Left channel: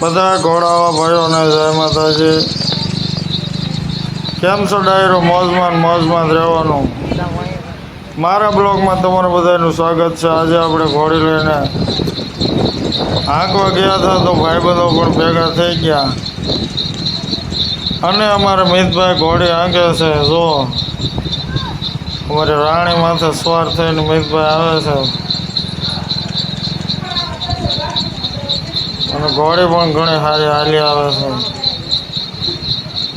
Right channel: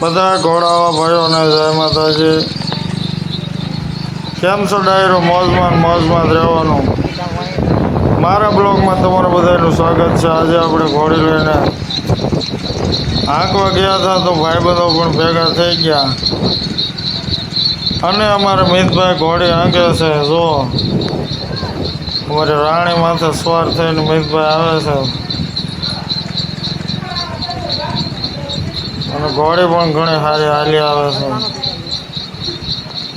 બધા ઘોડાવા ભાઈઓને જય માતાજી। કેમ છો ડાયરો? મોજમાં જ રહેવાનું। મારા બ્લોગમાં તમારું બધાનું સ્વાગત છે। આજે આપણે ઘોડી લઈને હાંકવા ગયા હતા તો ભાઈબંધો પણ ભેગા થઈ ગયા અને અમારા મિતભાઈ ઘોડી હાંકે છે। જો અમારી રાણી માથે સવાર થઈને મિતભાઈ આવે છે અને ઘોડી પણ ઘણી સારી હાલી આવે છે।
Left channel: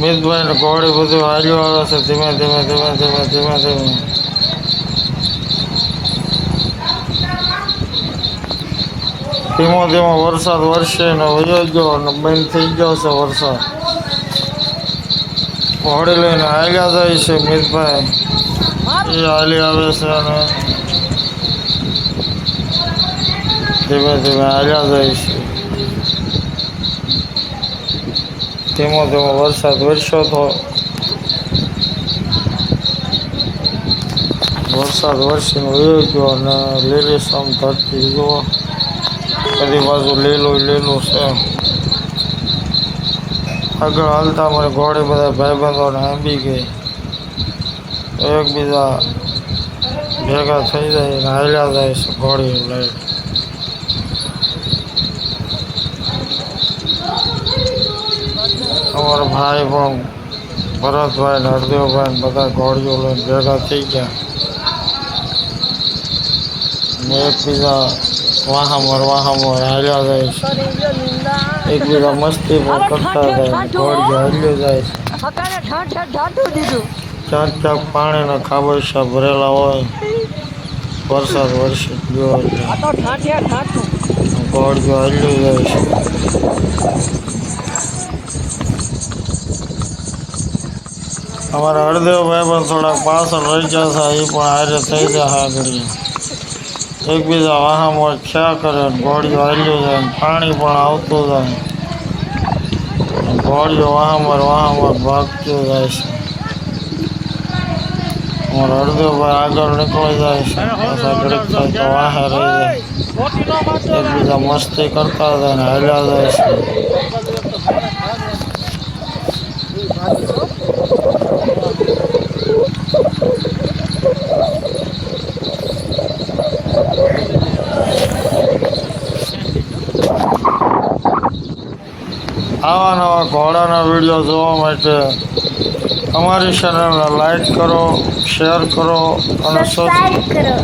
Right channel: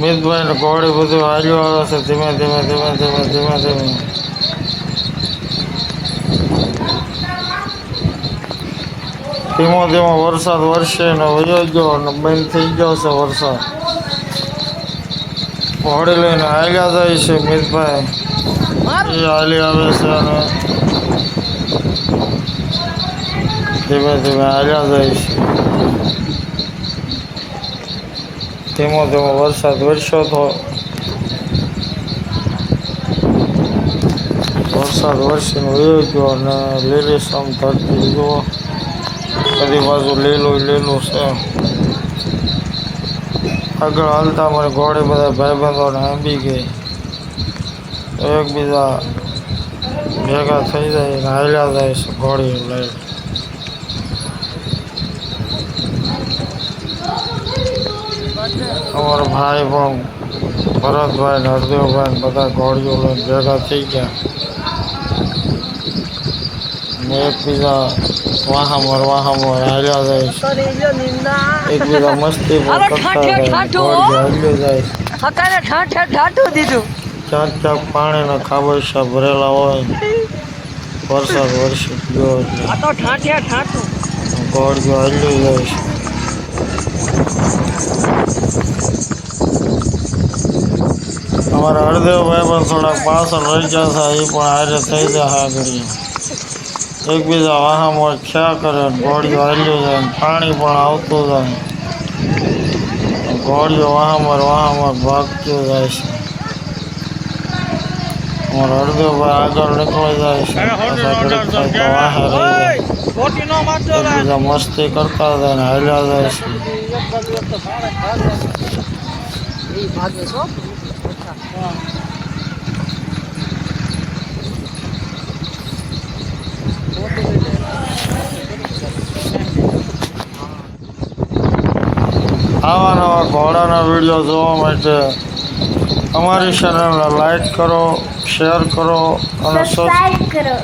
મિતભાઈ ને ઘોડી બધું હાલ્યું આવે છે ધીમે ધીમે ધીમે ધીમે ધીમે ધીમે। ધીમો ધીમો વરસાદ વરસે ને વયો ગયો અને બંધ થઈ ગયો છે વરસાદ। ઘોડી લઈને હાલ્યા જાય છે મિતભાઈ, એ હાલી આવે છે અને ધીમે ધીમે હાલ્યા જાય છે। ધીમો ધીમો વરસાદ વરસ્યો તો વરસાદ વરસીને વયો ગયો અને લીલીછમ ધરતી જુઓ, બધી બાજુ લીલું છે। આગળ હાલતા અમારી ઘોડી બધા ભાઈબંધોને આંબી ગઈ, એકબીજા ભેગા થઈ જાય અને હાલ્યા જાય છે ઘોડી લઈ। અમારા ભાઈ પણ ભરતભાઈ ને હરદેવભાઈ ને બધા ઘોડીઓ લઈને ભેગા થઈ ગયા ને એકબીજા વાહામોર હાલ્યા જાય છે। એકબીજા મસ્તી પણ કરતા જાય, ઘોડી હાલ્યો જાય છે। ક્યાંક પાણીના ખાબોચિયા ભરેલા હોય, વરસાદ વરસી ગયો એટલે ઘોડીઓ હાલ્યું જાય છે। અમારા હરદેવભાઈ પણ થોડાક પાછળ રહી ગયા છે, એ પણ હારે થઈ જાય આગળ। એકબીજા વાહામોર ખ્યા કરે, ઘોડીઓ હાલ્યું જાય, પાણી પણ આવતું જાય, ઘોડીઓ વાહામોર ભાગતું જાય છે। અમારા હરદેવભાઈ આગળ નીકળી જાય છે, પાછા ઘડીક થાય તો વાહે રહી જાય, એકબીજા મસ્તી કરતા જાય ને હાલ્યા જાય છે। આવા નવા ઘોડાના વિડીયો જોવા માટે અમારી ચેનલને લાઈક કરો, શેર કરો અને સબસ્ક્રાઇબ કરો।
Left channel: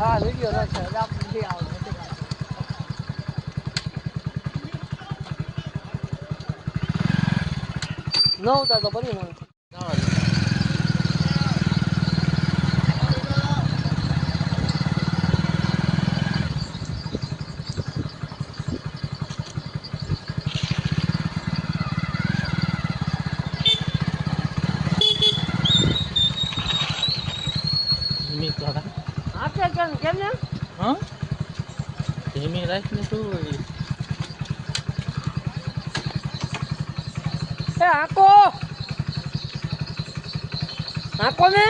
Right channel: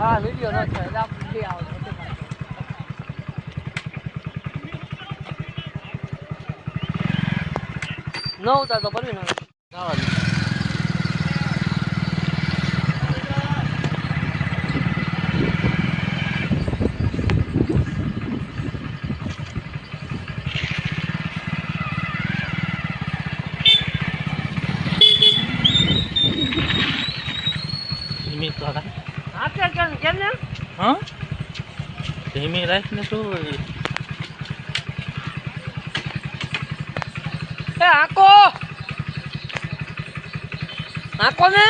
હા વિડિયો ન છે આપણી આવડે ન ઉતા તો પડ્યું ને કેમ ને હા ધીમી રાખને શું એ આકો ને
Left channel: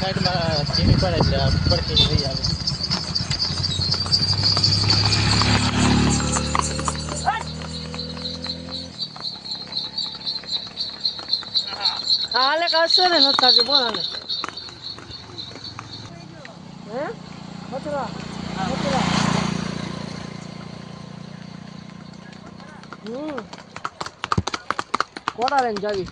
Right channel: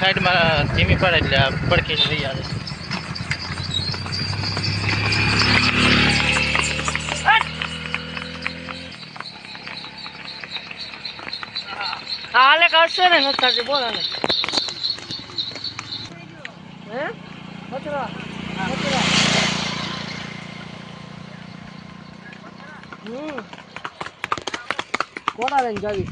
સાઈડમાં ધીમી પડે એટલે આ પડખી થઈ આવે. હાલે કરશે ને નથી બોલ હવે હે મતરા મતરા કોડા લઈને જાવી